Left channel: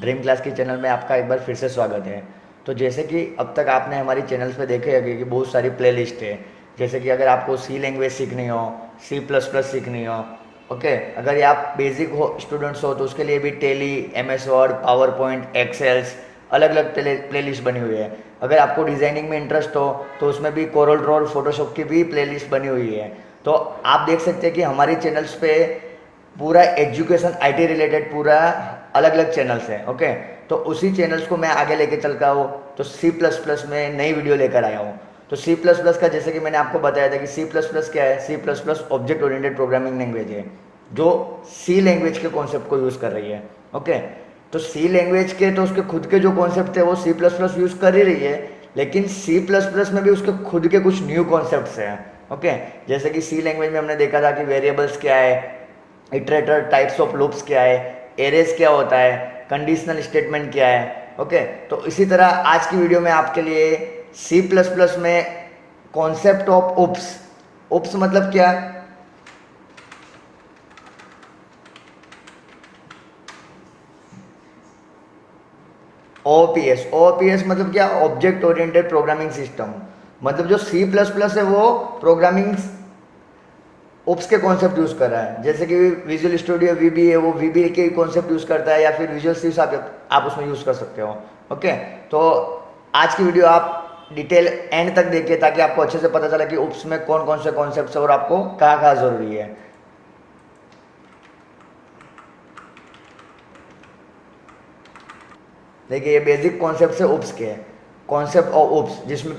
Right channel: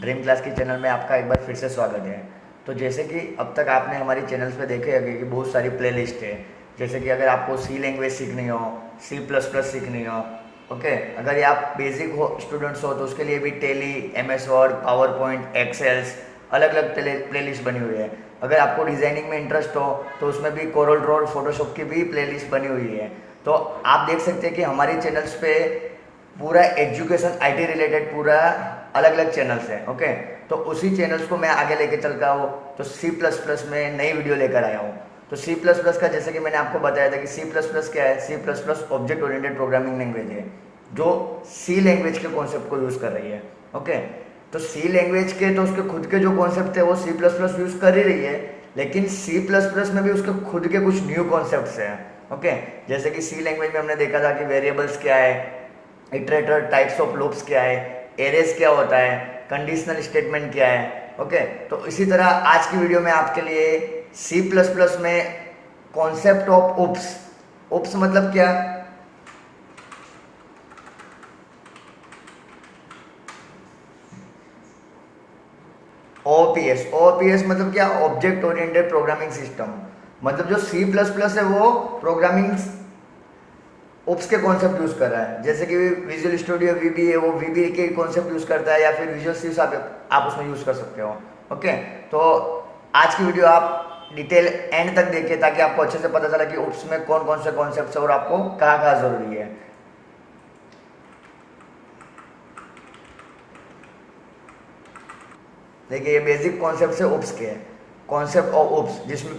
Dream class की channel में आपका एक बार फिर से स्वागत है। तो जैसे कि अब तक आपने हमारी चैनल्स पे देखे होंगे कि बहुत सारी प्लेलिस्ट है। जैसे कि अगर आपको सी लैंग्वेज सीखनी हो, सी प्लस प्लस सीखनी हो, ओके, अगर ये आप बेसिक हो स्टूडेंट्स हो तो उसके लिए भी Tally, M S Word, PowerPoint, Excels, अलग अलग प्लेलिस्ट बनी हुई है। अगर आपको डिज़ाइनिंग में इंटरेस्ट हो तो उसमें भी कोरल ड्रॉ, फोटोशॉप की भी प्लेलिस्ट बनी हुई है। तो आप देख सकते हैं कि हमारी चैनल्स पे पूरा एजुकेशन आईटी रिलेटेड पूरा अलग अलग चैनल्स हैं। ओके, तो उसी चैनल्स को मैं आगे लेके चल रहा हूँ। तो सी प्लस प्लस में नई वीडियो लेकर आया हूँ। तो सी प्लस प्लस का जैसे कि मैंने आपको बताया था कि सी प्लस प्लस क्या है। C plus plus object oriented programming language है जो सी लैंग्वेज के कॉन्सेप्ट को यूज़ कर रही है। ओके, तो सी लैंग्वेज के तो उसके खुद के जो कॉन्सेप्ट थे वो सी प्लस प्लस यूज़ कर ही रही है, लेकिन सी प्लस प्लस में भी उसके खुद के कुछ न्यू कॉन्सेप्ट्स हैं। ओके, जैसे कि सी लैंग्वेज में हमने देखा था कि वेरिएबल्स क्या है, इटरेटर टाइप्स ऑफ लूप्स क्या है, एरेज क्या होता है, कंडीशनल स्टेटमेंट क्या है। ओके, तो इसी तरह आज की वीडियो में आपके लिए सी प्लस प्लस में कॉन्सेप्ट ऑफ उप्स। उप्स मतलब क्या? ओपीएस। ओपीएस मतलब क्या? Object oriented programming system. मतलब जो सी प्लस प्लस है वो प्रोग्रामिंग ओप्स के कॉन्सेप्ट यूज कर रहा है। जैसे कि विजुअल स्टूडियो वीबी है, वो वीबी के कॉन्सेप्ट यूज करता है, या फिर विजुअल स्टूडियो आप उसमें यूज कर सकते हो। ओके, तो आज की वीडियो आप डिटेल एंड तक देखिए ताकि आपको अच्छे से पता चला कि ओप्स में कौन कौन से कॉन्सेप्ट है और आपको कहाँ कहाँ जरूरी है। देखिए, ये बेसिक कॉन्सेप्ट है ओप्स के। कॉन्सेप्ट ऑफ ओप्स जिसमें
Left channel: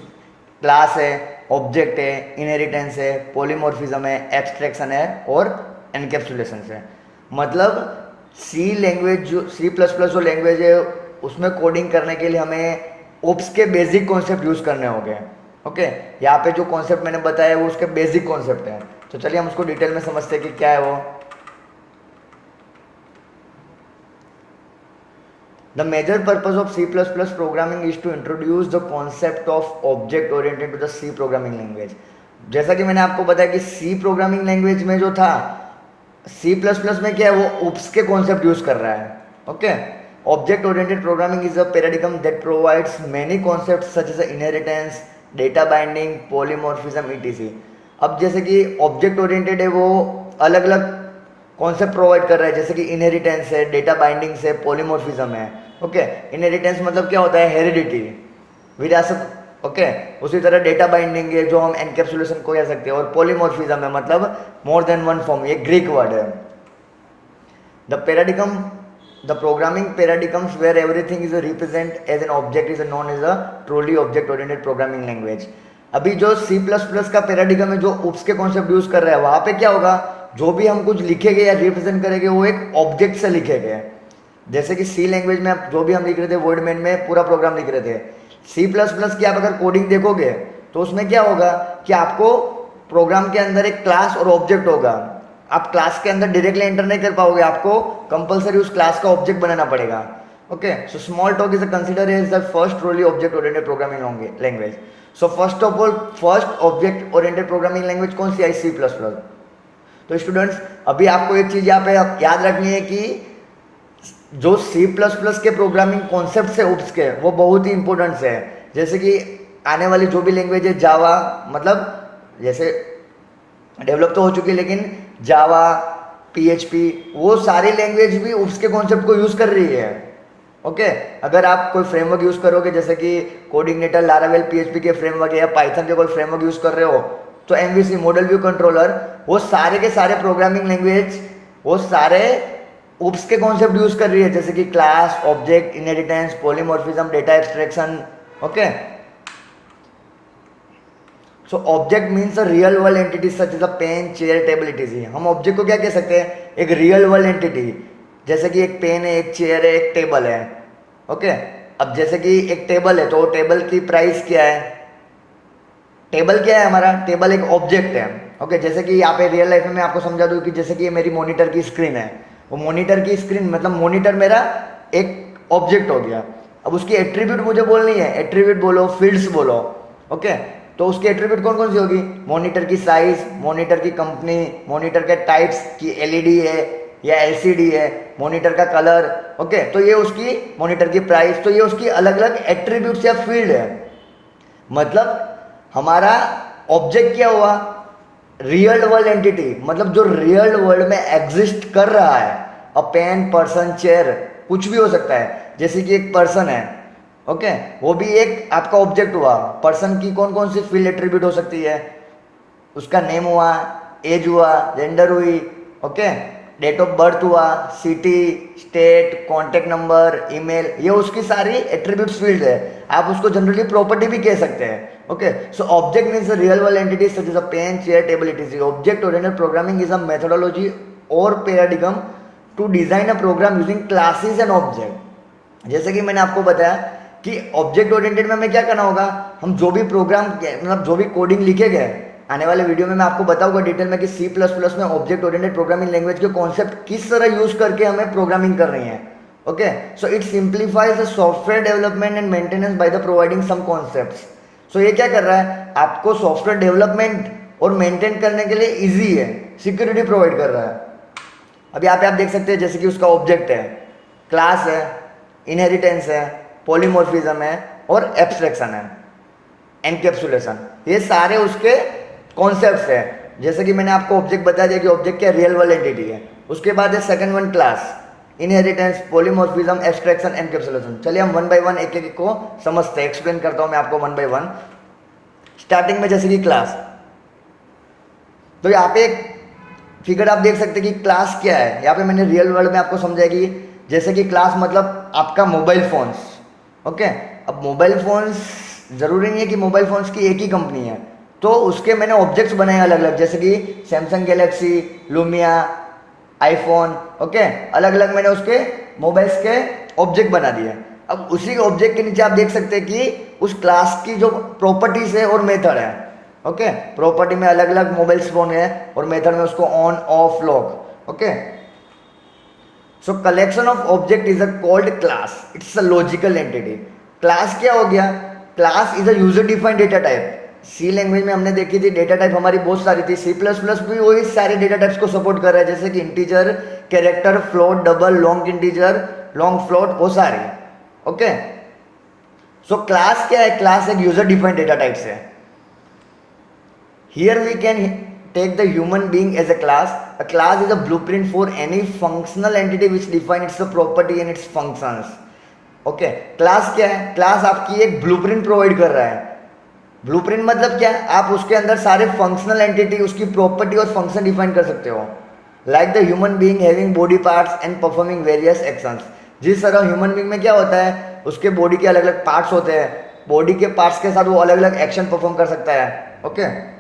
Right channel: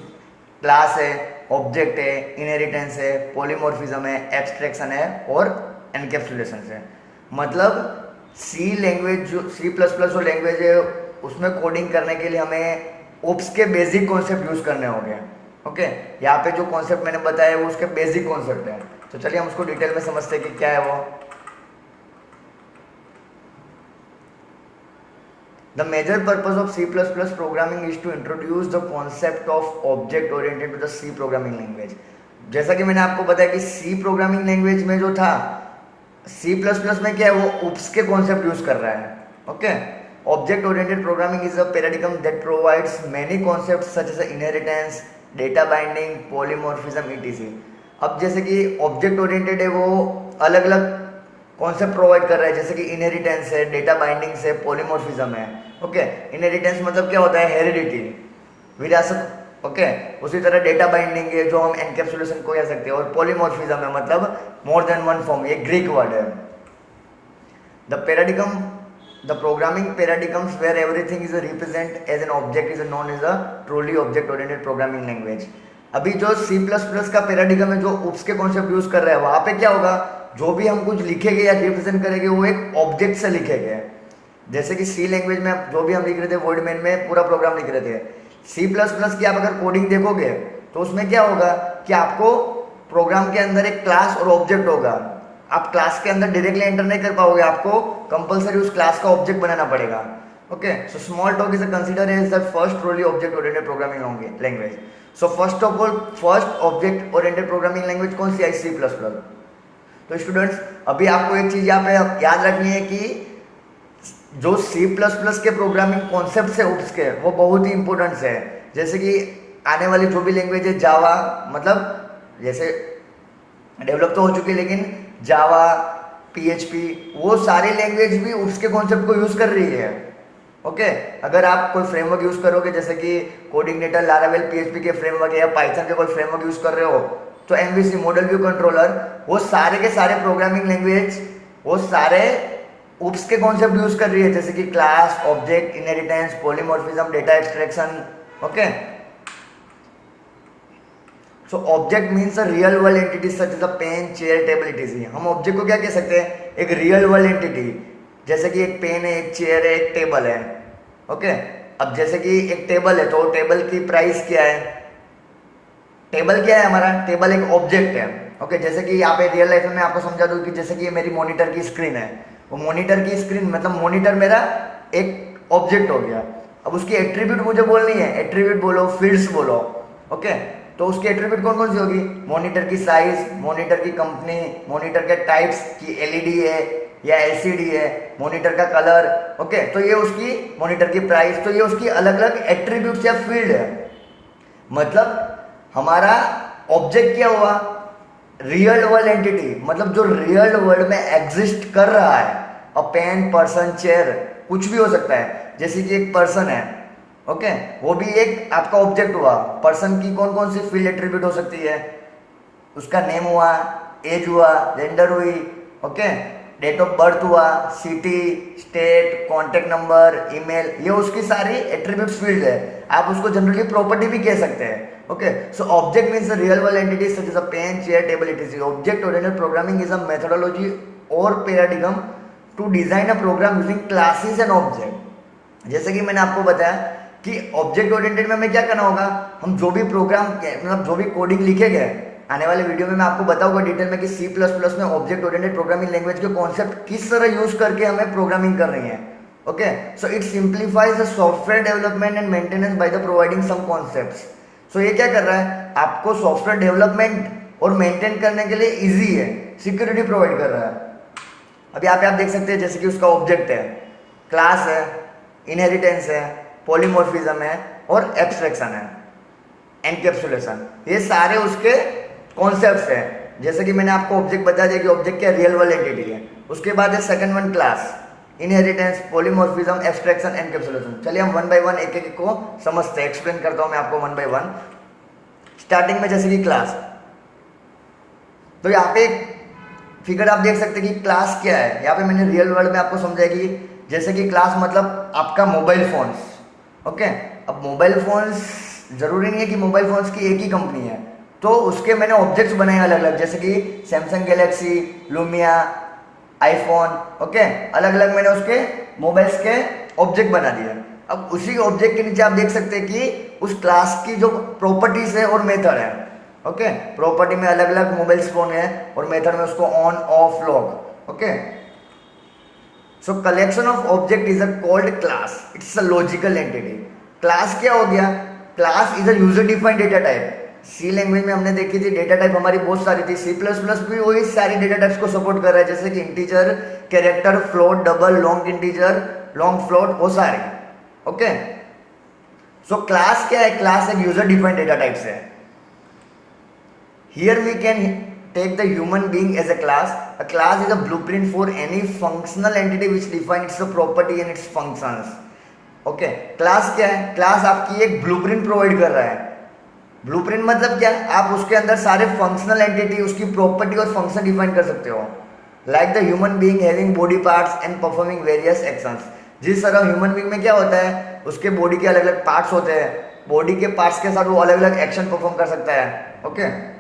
क्लास है, ऑब्जेक्ट है, इनहेरिटेंस है, पॉलीमॉर्फिज्म है, एब्स्ट्रैक्शन है और एनकैप्सुलेशन है। मतलब सी लैंग्वेज जो सी प्लस प्लस जो लैंग्वेज है उसमें कोडिंग करने के लिए हमें ओप्स के बेसिक कॉन्सेप्ट यूज करने होंगे। ओके, यहाँ पे जो कॉन्सेप्ट मैंने बताया वो उसके बेसिक कॉन्सेप्ट है। तो चलिए हम उसको डिटेल में समझते हैं कि क्या है वो। The major purpose of C++ programming is to introduce the concept of object oriented to the C programming language। जैसा कि मैंने आपको बताया कि C प्रोग्रामिंग लैंग्वेज में जो था, C++ में क्या है, वो UPS के कॉन्सेप्ट यूज कर रहा है। Okay, object oriented programming is a paradigm that provides many concepts such as inheritance, data binding, polymorphism etc. अब जैसे कि ऑब्जेक्ट ओरिएंटेड है वो अलग अलग कॉन्सेप्ट प्रोवाइड कर रहा है, जैसे कि इनहेरिटेंस है, डेटा बाइंडिंग्स है, पॉलीमॉर्फिज्म है। ओके, इनहेरिटेंस मतलब क्या होता है? हेरिडिटी, विरासत। ओके, उसी तरह डेटा बाइंडिंग है जो हम एनकैप्सुलेशन को कह सकते हैं, और पॉलीमॉर्फिज्म है मतलब मोर देन वन फॉर्म, ये ग्रीक वर्ड है। The paradigm the programming paradigms where everything is represent as an object is known as a truly object oriented programming language. अभी जो सी प्लस प्लस का paradigm है जो उप्स के concept use कर रहा है, वहां पे क्या होगा, जो भी हम कुछ लिखेंगे या रिप्रेजेंट करेंगे वो एक ऑब्जेक्ट से लिखेंगे। जैसे कि सी लैंग्वेज में जो भी हम लिख रहे थे वर्डमेन में पूरा प्रोग्राम लिख रहे थे, सी प्लस प्लस की आप अगर कोडिंग देखोगे तो उसमें क्या होगा कि आपको प्रोग्राम के अंदर एक क्लास और ऑब्जेक्ट होगा। आप क्लास के अंदर डायरेक्टली एंटर नहीं कर पाओगे, आपको कंपलसरी उस क्लास का ऑब्जेक्ट बनाना पड़ेगा। Okay, so small talk is consider as the first truly object oriented programming language. So first of all, first object oriented programming language कौन सी है? C plus plus. तो स्टूडेंट्स, अभी आपको एक चीज यहाँ पे याद रखनी है कि जो सी प्लस प्लस के प्रोग्रामिंग कॉन्सेप्ट है उप्स के, वो बहुत ही इंपॉर्टेंट है। जैसे कि आने वाली जो भी लैंग्वेज है, जावा, मतलब जैसे डेवलप तो हो चुकी है, लेकिन जावा, पीएचपी, वो सारी लैंग्वेज भी उप्स के कॉन्सेप्ट को यूज कर रही है। ओके, अगर आप कोई फ्रेमवर्क यूज करोगे जैसे कि कोऑर्डिनेटर, लारावेल, पीएचपी के फ्रेमवर्क या पाइथन के कोई फ्रेमवर्क यूज कर रहे हो, तो एमवीसी, मॉडल व्यू कंट्रोलर, वो सारे के सारे प्रोग्रामिंग लैंग्वेज वो सारे उप्स के कॉन्सेप्ट यूज कर रही है, जैसे कि class, object, inheritance, polymorphism, data abstraction. Okay, so object means a real world entity such as a pen, chair, table etc. हम ऑब्जेक्ट को क्या कह सकते हैं? एक रियल वर्ल्ड एंटिटी, जैसे कि एक पेन है, एक चेयर है, एक टेबल है। ओके, अब जैसे कि एक टेबल है तो टेबल की प्राइस क्या है? टेबल क्या है हमारा? टेबल एक ऑब्जेक्ट है। ओके, जैसे कि यहाँ पे रियल लाइफ में मैं आपको समझा दूं कि जैसे कि ये मेरी मॉनिटर की स्क्रीन है, वो मॉनिटर की स्क्रीन मतलब मॉनिटर मेरा एक ऑब्जेक्ट हो गया। अब उसकी एट्रीब्यूट मुझे बोलनी है, एट्रीब्यूट बोलो, फील्ड्स बोलो। ओके, तो उसकी एट्रीब्यूट कौन कौन सी होगी? मॉनिटर की साइज, मॉनिटर की कंपनी, मॉनिटर के टाइप्स की एलईडी है या एलसीडी है, मॉनिटर का कलर, ओके, तो ये उसकी मॉनिटर की प्राइस, तो ये उसकी अलग अलग एट्रीब्यूट्स या फील्ड है। मतलब हमारा ऑब्जेक्ट क्या हुआ, रियल वर्ल्ड एंटिटी, मतलब जो रियल वर्ल्ड में एग्जिस्ट कर रहा है, अ पेन, पर्सन, चेयर, कुछ भी हो सकता है। जैसे कि एक पर्सन है, ओके, वो भी एक आपका ऑब्जेक्ट हुआ। पर्सन की कौन कौन सी फील्ड एट्रीब्यूट हो सकती है, उसका नेम हुआ, एज हुआ, जेंडर हुई, ओके, डेट ऑफ बर्थ हुआ, city, state, contact number, email, ये उसकी सारी एट्रीब्यूट्स फील्ड है। आप उसको जनरली प्रॉपर्टी भी कह सकते हैं। Okay, so object means the real world entity such as a pen, chair, table, it object oriented programming is a methodology और paradigm to design a program using classes and object. जैसे कि मैंने आपको बताया कि ऑब्जेक्ट ओरिएंटेड में हमें क्या करना होगा, हम जो भी प्रोग्राम मतलब जो भी कोडिंग लिखे गए, आने वाले वीडियो में मैं आपको बताऊंगा डिटेल में कि सी प्लस प्लस में ऑब्जेक्ट ओरिएंटेड प्रोग्रामिंग लैंग्वेज के कॉन्सेप्ट किस तरह यूज करके हमें प्रोग्रामिंग कर रही है। Okay, so it simplifies the software development and maintenance by the providing some concepts. So ये क्या कर रहा है, आपको सॉफ्टवेयर डेवलपमेंट और मेंटेन करने के लिए इजी है, सिक्योरिटी प्रोवाइड कर रहा है। अब यहाँ पे आप देख सकते हैं जैसे कि उसका ऑब्जेक्ट है, क्लास है, इनहेरिटेंस है, पॉलीमॉर्फिज्म है और एब्स्ट्रैक्शन है, एनकैप्सुलेशन, ये सारे उसके कॉन्सेप्ट्स है। जैसे कि मैंने आपको ऑब्जेक्ट बता दिया कि ऑब्जेक्ट क्या रियल वर्ल्ड एंटिटी है। उसके बाद है second one class, inheritance, polymorphism, abstraction, encapsulation. चलिए हम वन बाय वन एक एक को समझते हैं, एक्सप्लेन करता हूं मैं आपको वन बाय वन। स्टार्टिंग में जैसे कि क्लास, तो यहाँ पे एक फिगर आप देख सकते हैं कि क्लास क्या है। यहाँ पे मैंने रियल वर्ल्ड में आपको समझाया कि जैसे कि क्लास मतलब आपका मोबाइल फोन्स, ओके। अब मोबाइल फोन्स जरूरी नहीं है कि मोबाइल फोन्स की एक ही कंपनी है, तो उसके मैंने ऑब्जेक्ट्स बनाए अलग अलग, जैसे कि Samsung Galaxy, Lumia, iPhone, okay, अलग अलग मैंने उसके मोबाइल्स के ऑब्जेक्ट बना दिए। अब उसी ऑब्जेक्ट के नीचे आप देख सकते हैं कि उस क्लास की जो प्रॉपर्टीज है और मेथड है, ओके। प्रॉपर्टी में अलग अलग मोबाइल फोन है और मेथड में उसको on, off, lock, okay. So collection of object is a called class, it's a logical entity. Class क्या हो गया, class is a user defined data type. C language में हमने देखी थी डेटा टाइप हमारी बहुत सारी थी, सी प्लस प्लस भी वही सारे डेटा टाइप्स को सपोर्ट कर रहा है, जैसे कि integer, character, float, double, long integer, long float, वो सारी, ओके। सो क्लास क्या है, क्लास एक यूजर डिफाइंड डेटा टाइप्स है। Here we can take the human being as a class. A class is a blueprint for any functional entity which defines its property and its functions. Okay, class क्या है, class आपकी एक blueprint provide कर रहा है। Blueprint मतलब क्या, आप उसके अंदर सारे फंक्शनल एंटिटी, उसकी प्रॉपर्टी और फंक्शन डिफाइन कर सकते हो। Like the human being having body parts and performing various actions. जिस तरह ह्यूमन बीइंग में क्या होता है, उसके बॉडी के अलग अलग पार्ट्स होते हैं, बॉडी के पार्ट्स के साथ वो अलग अलग एक्शन परफॉर्म कर सकता है, okay.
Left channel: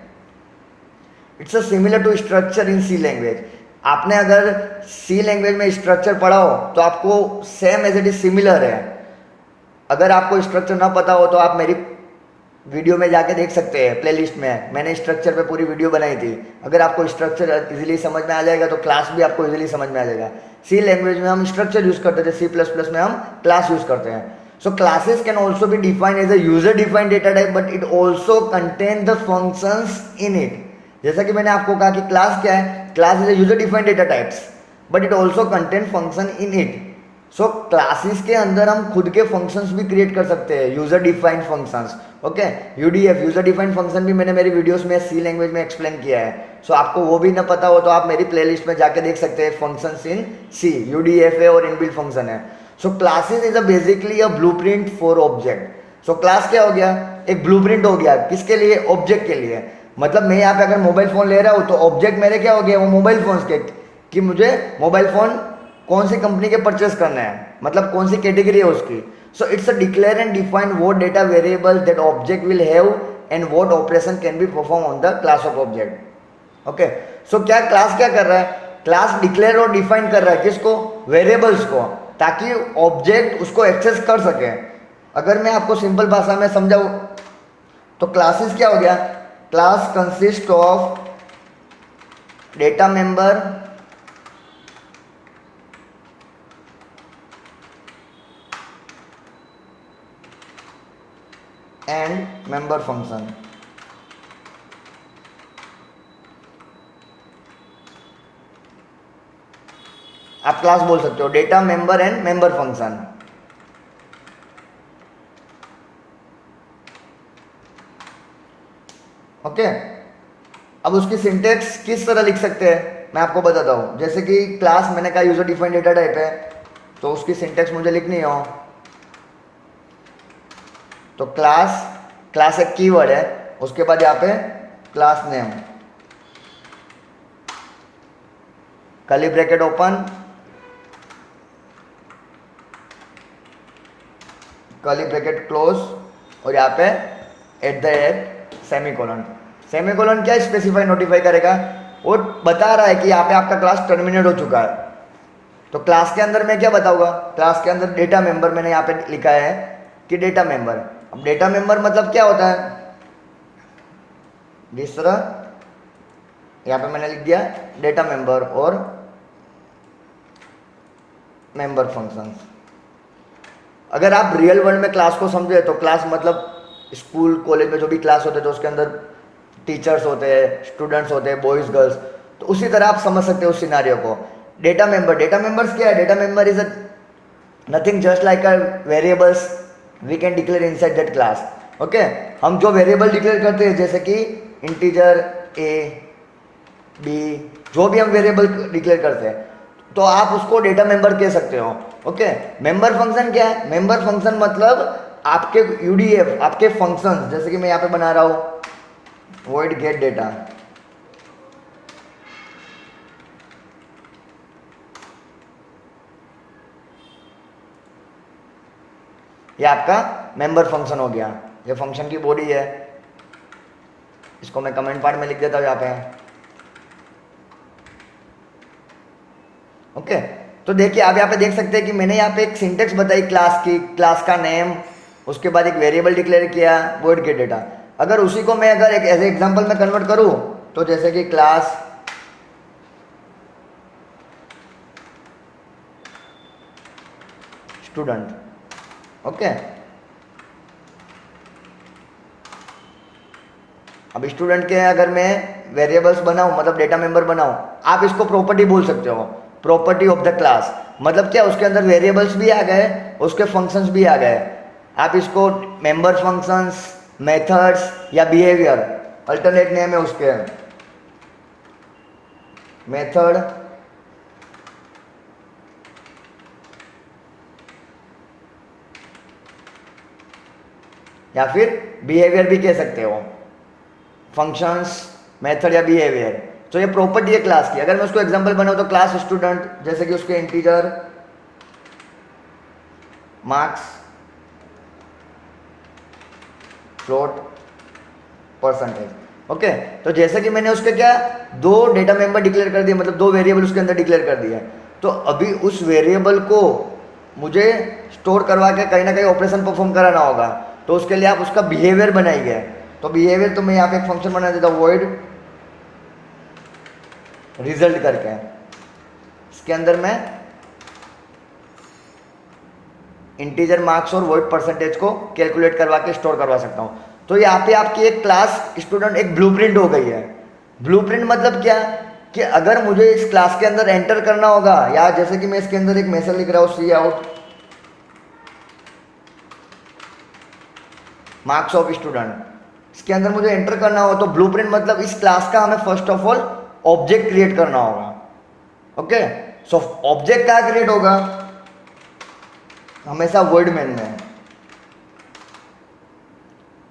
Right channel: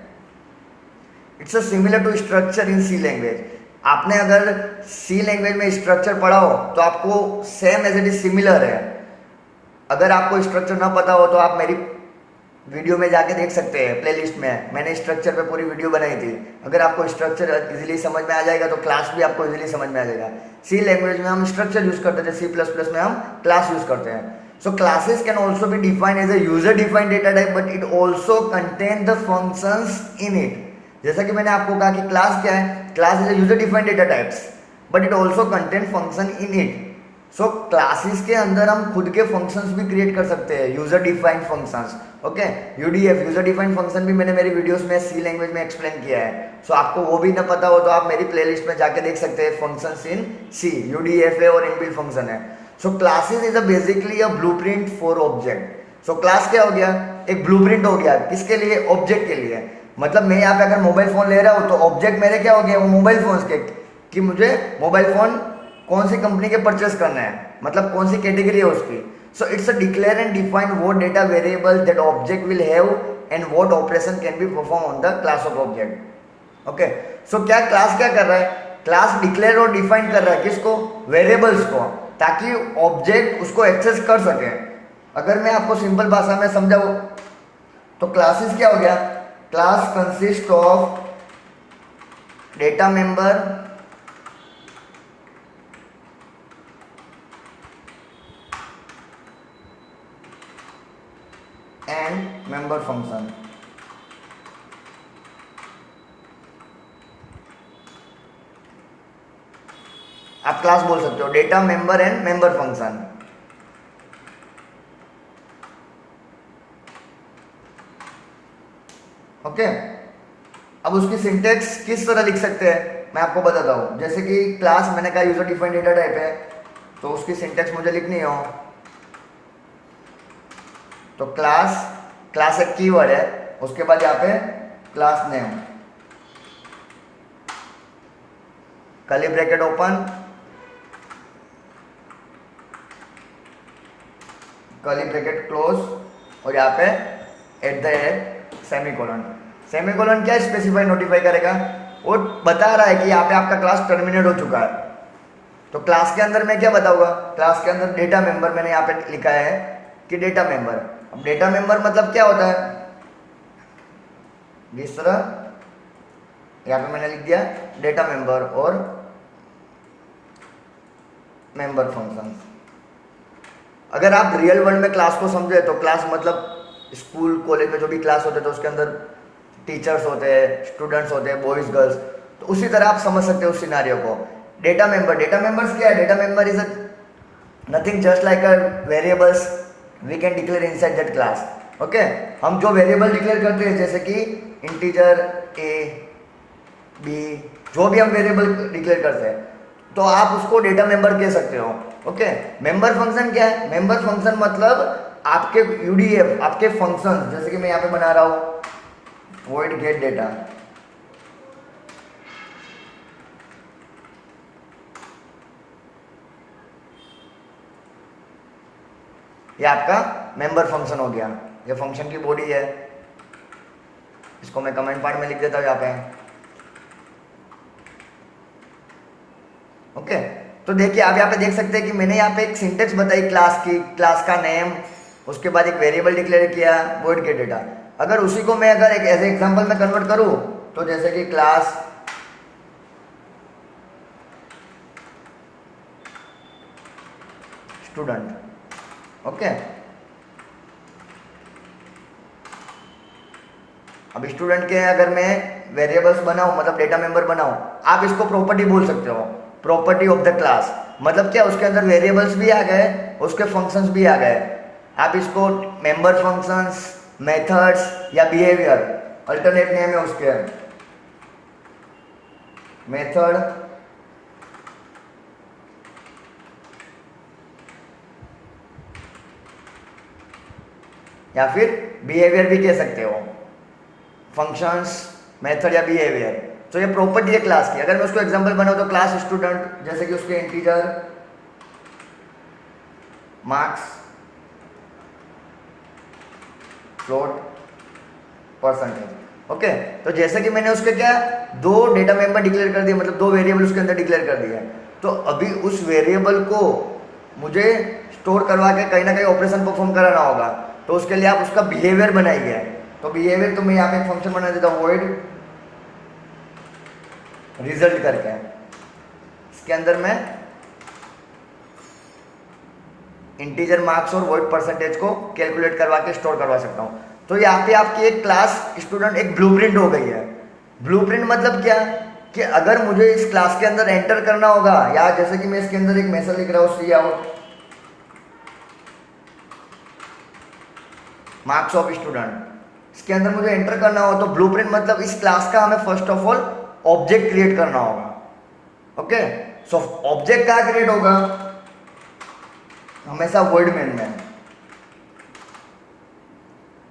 It's similar to structure in C language. आपने अगर सी लैंग्वेज में स्ट्रक्चर पढ़ा हो तो आपको same as it is similar है। अगर आपको स्ट्रक्चर ना पता हो तो आप मेरी वीडियो में जाके देख सकते हैं, प्लेलिस्ट में मैंने स्ट्रक्चर पे पूरी वीडियो बनाई थी। अगर आपको स्ट्रक्चर इजीली समझ में आ जाएगा तो क्लास भी आपको इजीली समझ में आ जाएगा। सी लैंग्वेज में हम स्ट्रक्चर यूज करते थे, सी प्लस प्लस में हम क्लास यूज करते हैं। So classes can also be defined as a user defined data type, but it also contain the functions in it. जैसा कि मैंने आपको कहा कि क्लास क्या है, class is a user defined data types, but it also contain function in it. So classes के अंदर हम खुद के फंक्शंस भी क्रिएट कर सकते हैं, user defined functions, okay. UDF, user defined function भी मैंने मेरी वीडियोस में सी लैंग्वेज में एक्सप्लेन किया है। सो आपको वो भी ना पता हो तो आप मेरी प्लेलिस्ट में जाके देख सकते हैं, फंक्शंस इन सी, यूडीएफ है और इनबिल्ट फंक्शन है। So classes is a basically a blueprint for object. So class क्या हो गया, एक ब्लूप्रिंट हो गया, किसके लिए, ऑब्जेक्ट के लिए। मतलब मैं यहाँ पे अगर मोबाइल फोन ले रहा हूँ तो ऑब्जेक्ट मेरे क्या हो गया, वो मोबाइल फोन के, कि मुझे मोबाइल फोन कौन सी कंपनी के परचेस करना है, मतलब कौन सी कैटेगरी है उसकी। So it's a declare and define what data variable that object will have and what operation can be perform on the class of object, okay. So क्या class क्या कर रहा है, क्लास डिक्लेयर और डिफाइन कर रहा है किसको, वेरिएबल्स को, ताकि ऑब्जेक्ट उसको एक्सेस कर सके। अगर मैं आपको सिंपल भाषा में समझाऊं तो क्लासेस क्या हो गया, class consist of data member and member function. आप क्लास बोल सकते हो, data member and member function. Okay, अब उसकी सिंटेक्स किस तरह लिख सकते हैं मैं आपको बताता हूं। जैसे कि क्लास मैंने कहा यूजर डिफाइंड डेटा टाइप है, तो उसकी सिंटेक्स मुझे लिखनी हो तो क्लास एक कीवर्ड है, उसके बाद यहाँ पे class name, curly bracket open, curly bracket close, और यहाँ पे @ सेमीकोलन। सेमीकोलन क्या स्पेसिफाई नोटिफाई करेगा, वो बता रहा है कि यहाँ पे आपका क्लास टर्मिनेट हो चुका है। तो क्लास के अंदर मैं क्या बताऊंगा, क्लास के अंदर डेटा मेंबर मैंने यहाँ पे लिखा है कि डेटा मेंबर। अब डेटा मेंबर मतलब क्या होता है, जिस तरह यहाँ पे मैंने लिख दिया डेटा मेंबर और मेंबर फंक्शन। अगर आप रियल वर्ल्ड में क्लास को समझे तो क्लास मतलब स्कूल कॉलेज में जो भी क्लास होते हैं तो उसके अंदर टीचर्स होते हैं, स्टूडेंट्स होते हैं, बॉयज गर्ल्स, तो उसी तरह आप समझ सकते हो उस सिनारियो को। डेटा मेंबर्स क्या है, data member is nothing just like a variables we can declare inside that class. Okay, हम जो वेरिएबल डिक्लेयर करते हैं जैसे कि इंटीजर ए बी, जो भी हम वेरिएबल डिक्लेयर करते हैं तो आप उसको डेटा मेंबर कह सकते हो। ओके, मेंबर फंक्शन क्या है, मेंबर फंक्शन मतलब आपके यूडीएफ, आपके फंक्शन, जैसे कि मैं यहाँ पे बना रहा हूं void get data, ये आपका मेंबर फंक्शन हो गया। ये फंक्शन की बॉडी है, इसको मैं कमेंट पार्ट में लिख देता हूं यहाँ पे। ओके, तो देखिए आप यहाँ पे देख सकते हैं कि मैंने यहाँ पे एक सिंटेक्स बताई क्लास की, क्लास का नेम, उसके बाद एक वेरिएबल डिक्लेयर किया void get data। अगर उसी को मैं अगर एक एज एग्जांपल में कन्वर्ट करूं तो जैसे कि क्लास स्टूडेंट। ओके, अब स्टूडेंट के अगर मैं वेरिएबल्स बनाऊं मतलब डेटा मेंबर बनाऊं, आप इसको प्रॉपर्टी बोल सकते हो, प्रॉपर्टी ऑफ द क्लास। मतलब क्या, उसके अंदर वेरिएबल्स भी आ गए, उसके फंक्शंस भी आ गए। आप इसको मेंबर फंक्शंस, मेथड्स या बिहेवियर, अल्टरनेट नेम है उसके, मेथड या फिर बिहेवियर भी कह सकते हो, फंक्शंस, मेथड या बिहेवियर। तो ये प्रॉपर्टी है क्लास की। अगर मैं उसको एग्जांपल बनाऊं तो क्लास स्टूडेंट, जैसे कि उसके integer marks, float, percentage. Okay, तो जैसे कि मैंने उसके क्या दो डेटा मेंबर डिक्लेयर कर दिए, मतलब दो वेरिएबल उसके अंदर डिक्लेयर कर दिया, तो अभी उस वेरिएबल को मुझे स्टोर करवा के कहीं ना कहीं ऑपरेशन परफॉर्म कराना होगा, तो उसके लिए आप उसका बिहेवियर बनाइए। तो बिहेवियर तो मैं यहाँ पे एक फंक्शन बना देता हूँ void रिजल्ट करके, इसके अंदर मैं इंटीजर मार्क्स और void परसेंटेज को कैलकुलेट करवा के स्टोर करवा सकता हूँ। तो यहाँ पे आपकी एक क्लास स्टूडेंट एक ब्लूप्रिंट हो गई है। ब्लूप्रिंट मतलब क्या, कि अगर मुझे इस क्लास के अंदर एंटर करना होगा, या जैसे कि मैं इसके अंदर एक मैसेज लिख रहा हूँ सी आउट मार्क्स ऑफ स्टूडेंट, इसके अंदर मुझे एंटर करना होगा, तो ब्लूप्रिंट मतलब इस क्लास का हमें first of all object create करना होगा। ओके, सो ऑब्जेक्ट क्या क्रिएट होगा, हमेशा void मेन में,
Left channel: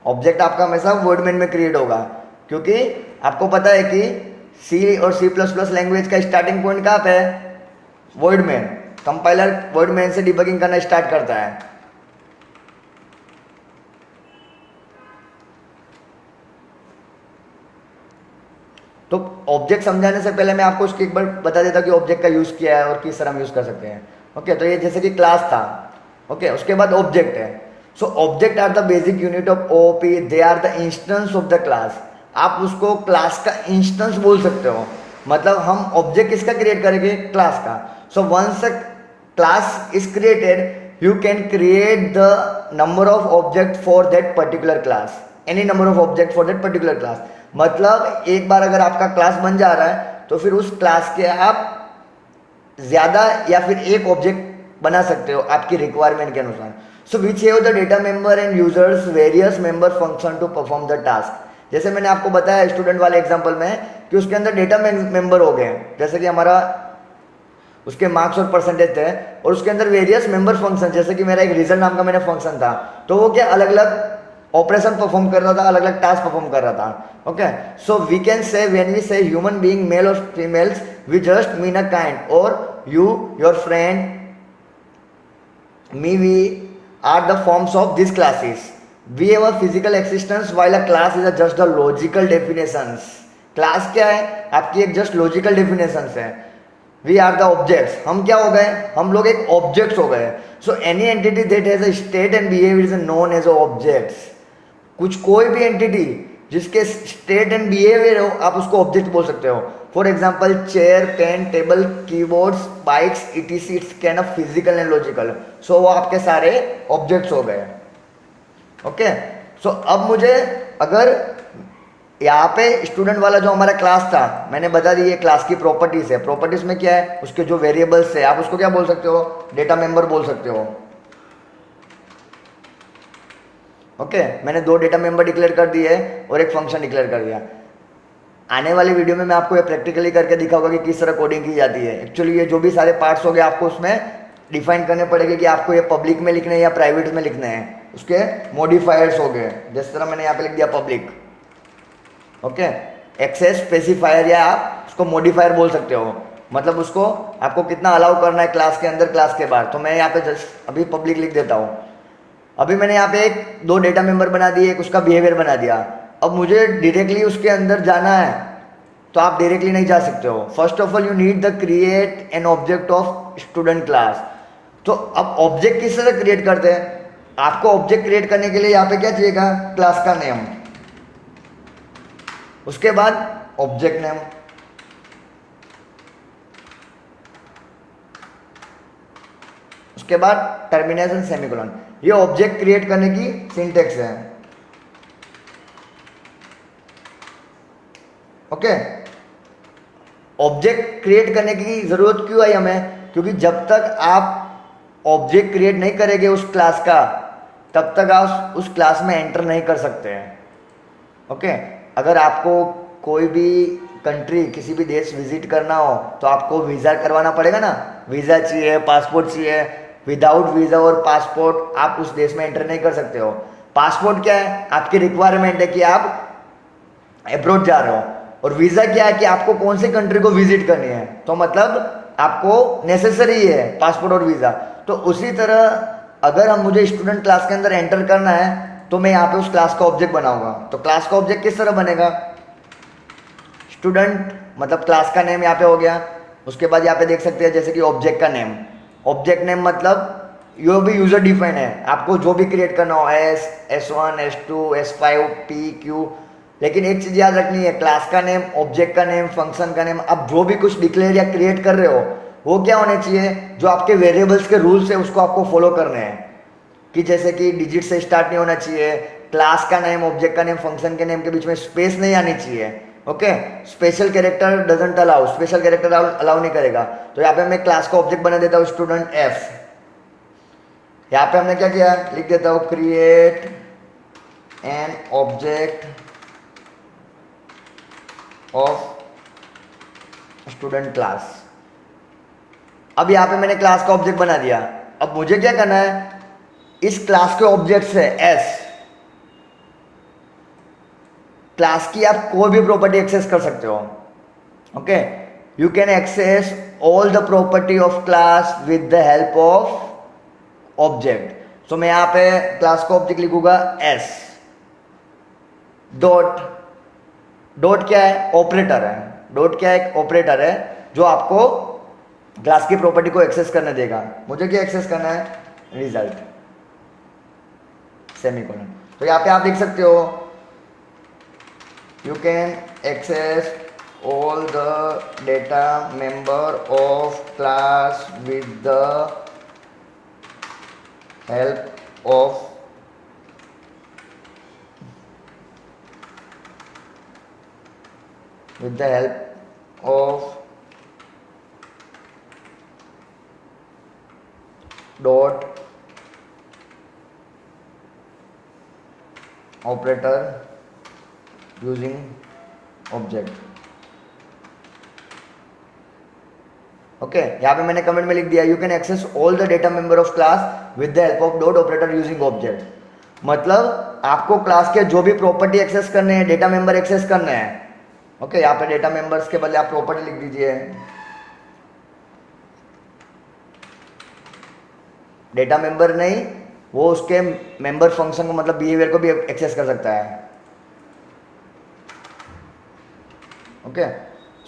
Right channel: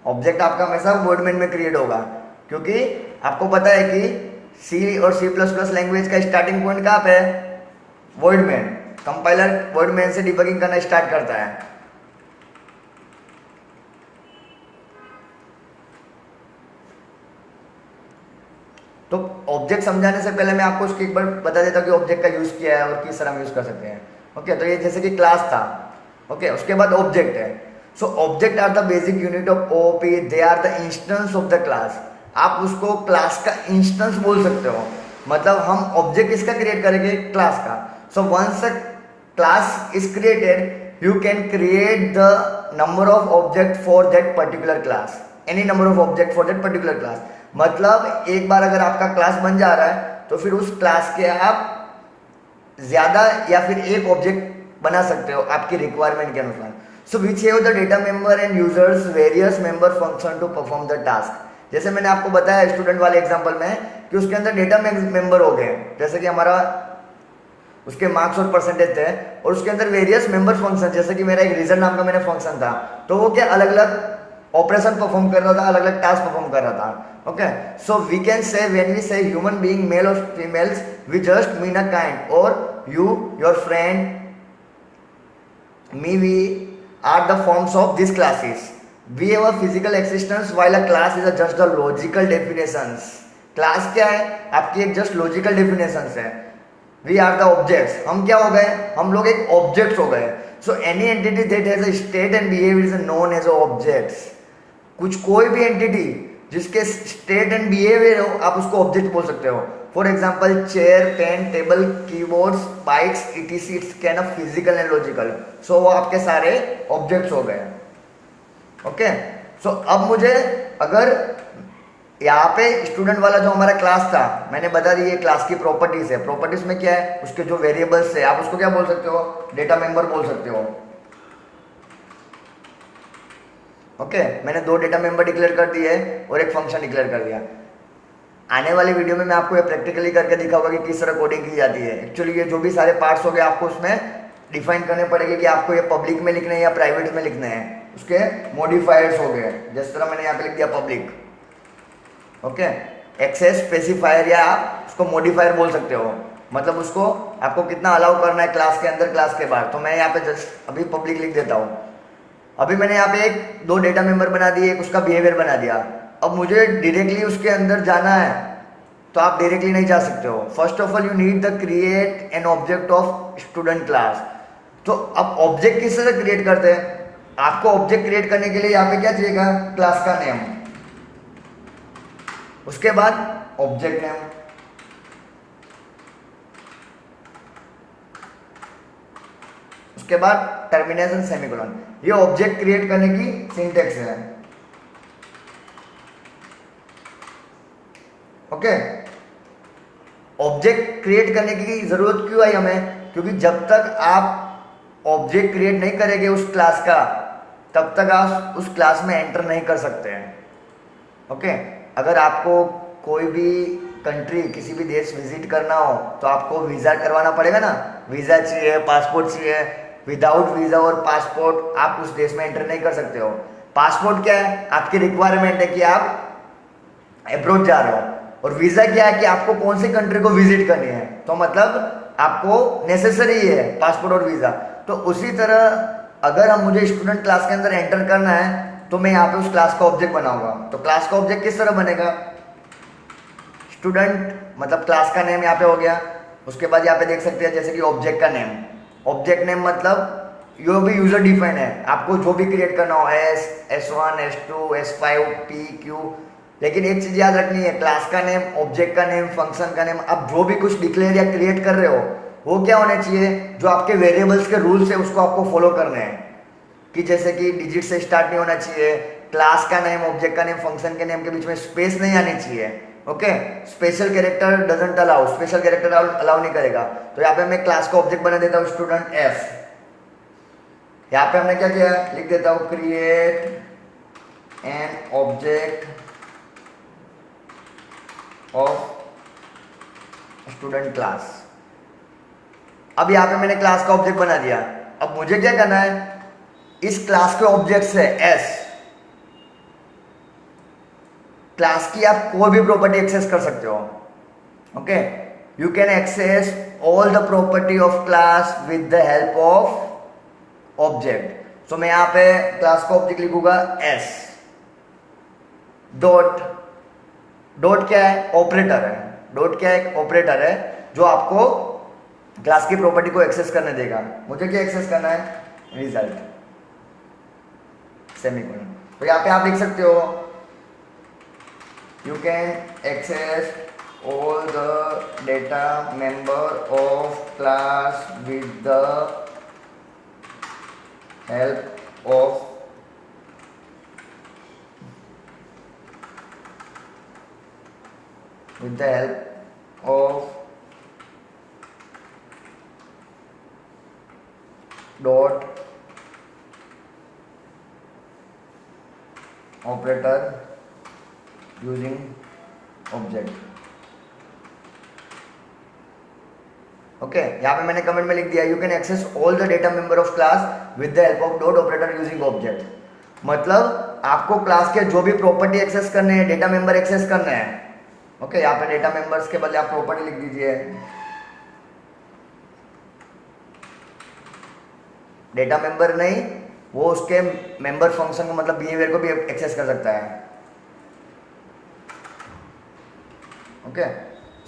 ऑब्जेक्ट आपका हमेशा void मेन में क्रिएट होगा, क्योंकि आपको पता है कि सी और C++ लैंग्वेज का स्टार्टिंग पॉइंट कहाँ पे है, void main. Compiler void main से डिबगिंग करना स्टार्ट करता है। तो ऑब्जेक्ट समझाने से पहले मैं आपको उसकी एक बार बता देता कि ऑब्जेक्ट का यूज किया है और किस तरह हम यूज कर सकते हैं। ओके, तो ये जैसे कि क्लास था। ओके, उसके बाद ऑब्जेक्ट है। So object are the basic unit of OOP, they are the instance of the class. आप उसको क्लास का इंस्टेंस बोल सकते हो, मतलब हम ऑब्जेक्ट किसका क्रिएट करेंगे, क्लास का। So once a class is created you can create the number of object for that particular class, any number of object for that particular class. मतलब एक बार अगर आपका क्लास बन जा रहा है तो फिर उस क्लास के आप ज़्यादा या फिर एक ऑब्जेक्ट बना सकते हो आपकी रिक्वायरमेंट के अनुसार. So which have the data member and users various member function to perform the task. जैसे मैंने आपको बताया स्टूडेंट वाले एग्जांपल में कि उसके अंदर डेटा मेंबर हो गए, जैसे कि हमारा उसके मार्क्स और परसेंटेज थे, और उसके अंदर वेरियस मेंबर फंक्शन, जैसे कि मेरा एक रिजल्ट नाम का मेरा फंक्शन था, तो वो क्या अलग अलग ऑपरेशन परफॉर्म कर रहा था, अलग अलग टास्क परफॉर्म कर रहा था. Okay, so we can say when we say human being male और females we just mean a kind, और you your friend me we are the forms of these classes. We have a physical existence while a class is a just the logical definitions. Class क्या है? आपकी एक just logical definitions है. We are the objects. हम क्या हो गए? हम लोग एक ऑब्जेक्ट्स हो गए. So any entity that has a state and behaviour is known as objects. कुछ कोई भी एंटिटी जिसके स्टेट एंड बिहेवियर हो, आप उसको ऑब्जेक्ट बोल सकते हो. For example chair, pen, table, keyboards, bikes, etc, its can of physical and logical. So वो आपके सारे ऑब्जेक्ट्स हो गए. ओके, सो अब मुझे अगर यहाँ पे स्टूडेंट वाला जो हमारा क्लास था, मैंने बता दी ये क्लास की प्रॉपर्टीज है. प्रॉपर्टीज में क्या है? उसके जो वेरिएबल्स है, आप उसको क्या बोल सकते हो? डेटा मेंबर बोल सकते हो. ओके, मैंने दो डेटा मेंबर डिक्लेयर कर दिए और एक फंक्शन डिक्लेयर कर दिया. आने वाली वीडियो में मैं आपको ये प्रैक्टिकली करके दिखाऊंगा कि किस तरह कोडिंग की जाती है. एक्चुअली ये जो भी सारे पार्ट्स हो गए आपको उसमें डिफाइन करने पड़ेंगे कि आपको ये पब्लिक में लिखने हैं या प्राइवेट में लिखने हैं. उसके मॉडिफायर्स हो गए, जिस तरह मैंने यहाँ पे लिख दिया पब्लिक. ओके, एक्सेस स्पेसिफायर या आप उसको मॉडिफायर बोल सकते हो, मतलब उसको आपको कितना अलाउ करना है क्लास के अंदर, क्लास के बाहर. तो मैं यहाँ पे जस्ट अभी पब्लिक लिख देता हूँ. अभी मैंने यहाँ पे एक दो डेटा मेंबर बना दिए, एक उसका बिहेवियर बना दिया. अब मुझे डायरेक्टली उसके अंदर जाना है तो आप डायरेक्टली नहीं जा सकते हो. First of all you need the create an object of student class. तो अब ऑब्जेक्ट किस तरह क्रिएट करते हैं? आपको ऑब्जेक्ट क्रिएट करने के लिए यहाँ पे क्या चाहिएगा? क्लास का नेम, उसके बाद ऑब्जेक्ट नेम, उसके बाद टर्मिनेशन सेमीकोलन. ये ऑब्जेक्ट क्रिएट करने की सिंटेक्स है. ओके, ऑब्जेक्ट क्रिएट करने की जरूरत क्यों आई हमें? क्योंकि जब तक आप ऑब्जेक्ट क्रिएट नहीं करेंगे उस क्लास का, तब तक आप उस क्लास में एंटर नहीं कर सकते हैं. ओके, अगर आपको कोई भी कंट्री, किसी भी देश विजिट करना हो तो आपको वीज़ा करवाना पड़ेगा ना. वीज़ा चाहिए, पासपोर्ट चाहिए. विदाउट वीज़ा और पासपोर्ट आप उस देश में एंटर नहीं कर सकते हो. पासपोर्ट क्या है? आपकी रिक्वायरमेंट है कि आप अब्रॉड जा रहे हो. और वीज़ा क्या है? कि आपको कौन सी कंट्री को विजिट करनी है. तो मतलब आपको नेसेसरी है पासपोर्ट और वीज़ा. तो उसी तरह अगर हम मुझे स्टूडेंट क्लास के अंदर एंटर करना है तो मैं यहाँ पे उस क्लास का ऑब्जेक्ट बनाऊंगा. तो क्लास का ऑब्जेक्ट किस तरह बनेगा? स्टूडेंट मतलब क्लास का नेम यहाँ पे हो गया. उसके बाद यहाँ पे देख सकते हैं जैसे कि ऑब्जेक्ट का नेम. ऑब्जेक्ट नेम मतलब यो भी यूजर डिफाइन है, आपको जो भी क्रिएट करना हो, S1, S2, S5, P, Q. लेकिन एक चीज याद रखनी है, क्लास का नेम, ऑब्जेक्ट का नेम, फंक्शन का नेम, अब जो भी कुछ डिक्लेयर या क्रिएट कर रहे हो वो क्या होने चाहिए? जो आपके वेरिएबल्स के रूल्स है उसको आपको फॉलो करने हैं. कि जैसे कि डिजिट से स्टार्ट नहीं होना चाहिए, क्लास का नेम, ऑब्जेक्ट का नेम, फंक्शन के नेम के बीच में स्पेस नहीं आनी चाहिए. Okay, special character doesn't allow, special character allow नहीं करेगा. तो यहाँ पे मैं क्लास का ऑब्जेक्ट बना देता हूँ स्टूडेंट एस. यहाँ पे हमने क्या किया? लिख देता हूँ create an object of student class. अब यहाँ पे मैंने क्लास का ऑब्जेक्ट बना दिया. अब मुझे क्या करना है? इस क्लास के ऑब्जेक्ट से एस क्लास की आप कोई भी प्रॉपर्टी एक्सेस कर सकते हो. Okay, you can access all the property of class with the help of object. So मैं यहाँ पे क्लास का ऑब्जेक्ट लिखूंगा एस डॉट. डॉट क्या है? ऑपरेटर है. डॉट क्या है? ऑपरेटर है जो आपको क्लास की प्रॉपर्टी को एक्सेस करने देगा. मुझे क्या एक्सेस करना है? Result semicolon. तो यहाँ पे आप लिख सकते हो you can access all the data member of class with the help of dot operator using object. Okay, यहाँ पे मैंने कमेंट में लिख दिया you can access all the data member of class with the help of dot operator using object. मतलब आपको class के जो भी प्रॉपर्टी एक्सेस करने हैं, डेटा मेंबर एक्सेस करने हैं। ओके, यहाँ पे डेटा मेंबर्स के बदले आप प्रॉपर्टी लिख दीजिए। डेटा मेंबर नहीं, वो उसके मेंबर फंक्शन को मतलब बिहेवियर को भी एक्सेस कर सकता है। Okay,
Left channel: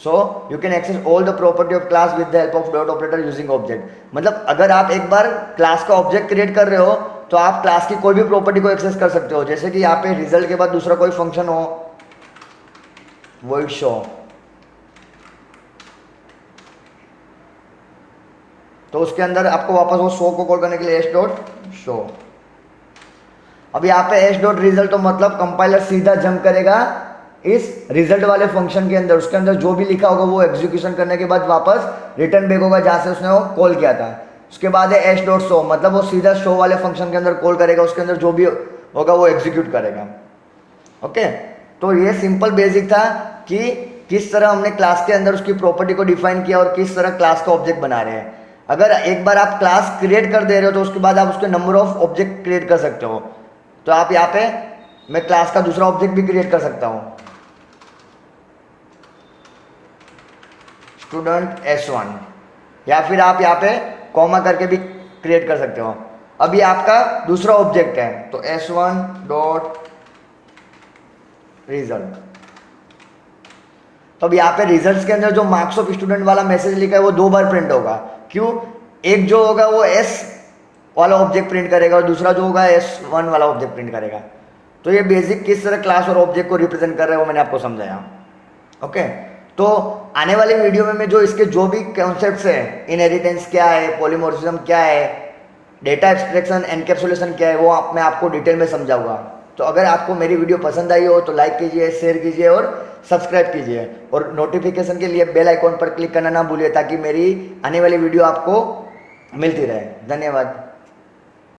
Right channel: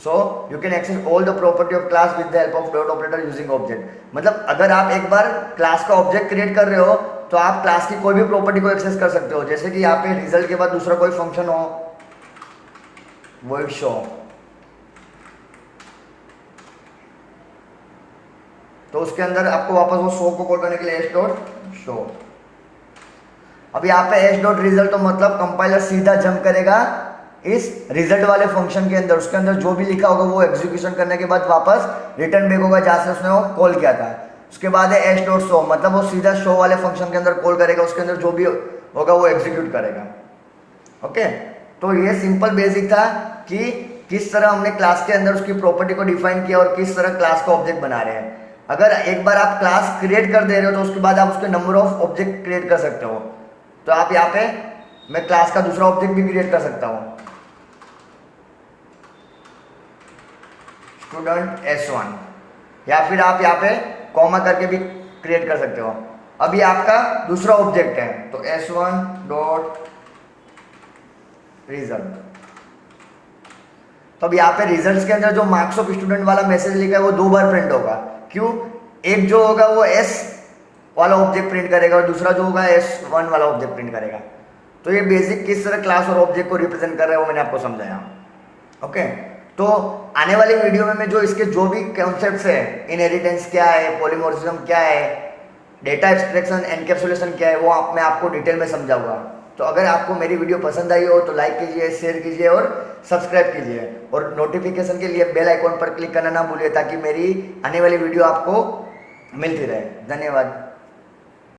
so you can access all the property of class with the help of dot operator using object. मतलब अगर आप एक बार क्लास का ऑब्जेक्ट क्रिएट कर रहे हो तो आप क्लास की कोई भी प्रॉपर्टी को एक्सेस कर सकते हो। जैसे कि यहाँ पे रिजल्ट के बाद दूसरा कोई फंक्शन हो, void शो, तो उसके अंदर आपको वापस वो शो को कॉल करने के लिए एस डॉट शो। अब यहाँ पे एस डॉट रिजल्ट तो मतलब कंपाइलर सीधा जंप करेगा इस रिजल्ट वाले फंक्शन के अंदर, उसके अंदर जो भी लिखा होगा वो एग्जीक्यूशन करने के बाद वापस रिटर्न बैक होगा जहां से उसने वो कॉल किया था। उसके बाद है एस डॉट शो, मतलब वो सीधा शो वाले फंक्शन के अंदर कॉल करेगा, उसके अंदर जो भी होगा वो एग्जीक्यूट करेगा। ओके, तो ये सिंपल बेसिक था कि किस तरह हमने क्लास के अंदर उसकी प्रॉपर्टी को डिफाइन किया और किस तरह क्लास का ऑब्जेक्ट बना रहे हैं। अगर एक बार आप क्लास क्रिएट कर दे रहे हो तो उसके बाद आप उसके नंबर ऑफ ऑब्जेक्ट क्रिएट कर सकते हो। तो आप यहाँ पे मैं क्लास का दूसरा ऑब्जेक्ट भी क्रिएट कर सकता हूँ, स्टूडेंट S1, या फिर आप यहाँ पे कॉमा करके भी क्रिएट कर सकते हो। अब ये आपका दूसरा ऑब्जेक्ट है, तो S1 डॉट रिजल्ट। तो अब यहाँ पे रिजल्ट्स के अंदर जो मार्क्स ऑफ स्टूडेंट वाला मैसेज लिखा है वो 2 बार प्रिंट होगा। क्यों? एक जो होगा वो S वाला ऑब्जेक्ट प्रिंट करेगा और दूसरा जो होगा S1 वाला ऑब्जेक्ट प्रिंट करेगा। तो ये बेसिक किस तरह क्लास और ऑब्जेक्ट को रिप्रेजेंट कर रहे हैं वो मैंने आपको समझाया। ओके, तो आने वाली वीडियो में मैं जो इसके जो भी कॉन्सेप्ट्स है, इनहेरिटेंस क्या है, पॉलीमॉर्फिज्म क्या है, डेटा एब्स्ट्रैक्शन, एनकैप्सुलेशन क्या है, वो मैं आपको डिटेल में समझाऊंगा। तो अगर आपको मेरी वीडियो पसंद आई हो तो लाइक कीजिए, शेयर कीजिए और सब्सक्राइब कीजिए, और नोटिफिकेशन के लिए बेल आइकॉन पर क्लिक करना ना भूलिए ताकि मेरी आने वाली वीडियो आपको मिलती रहे। धन्यवाद।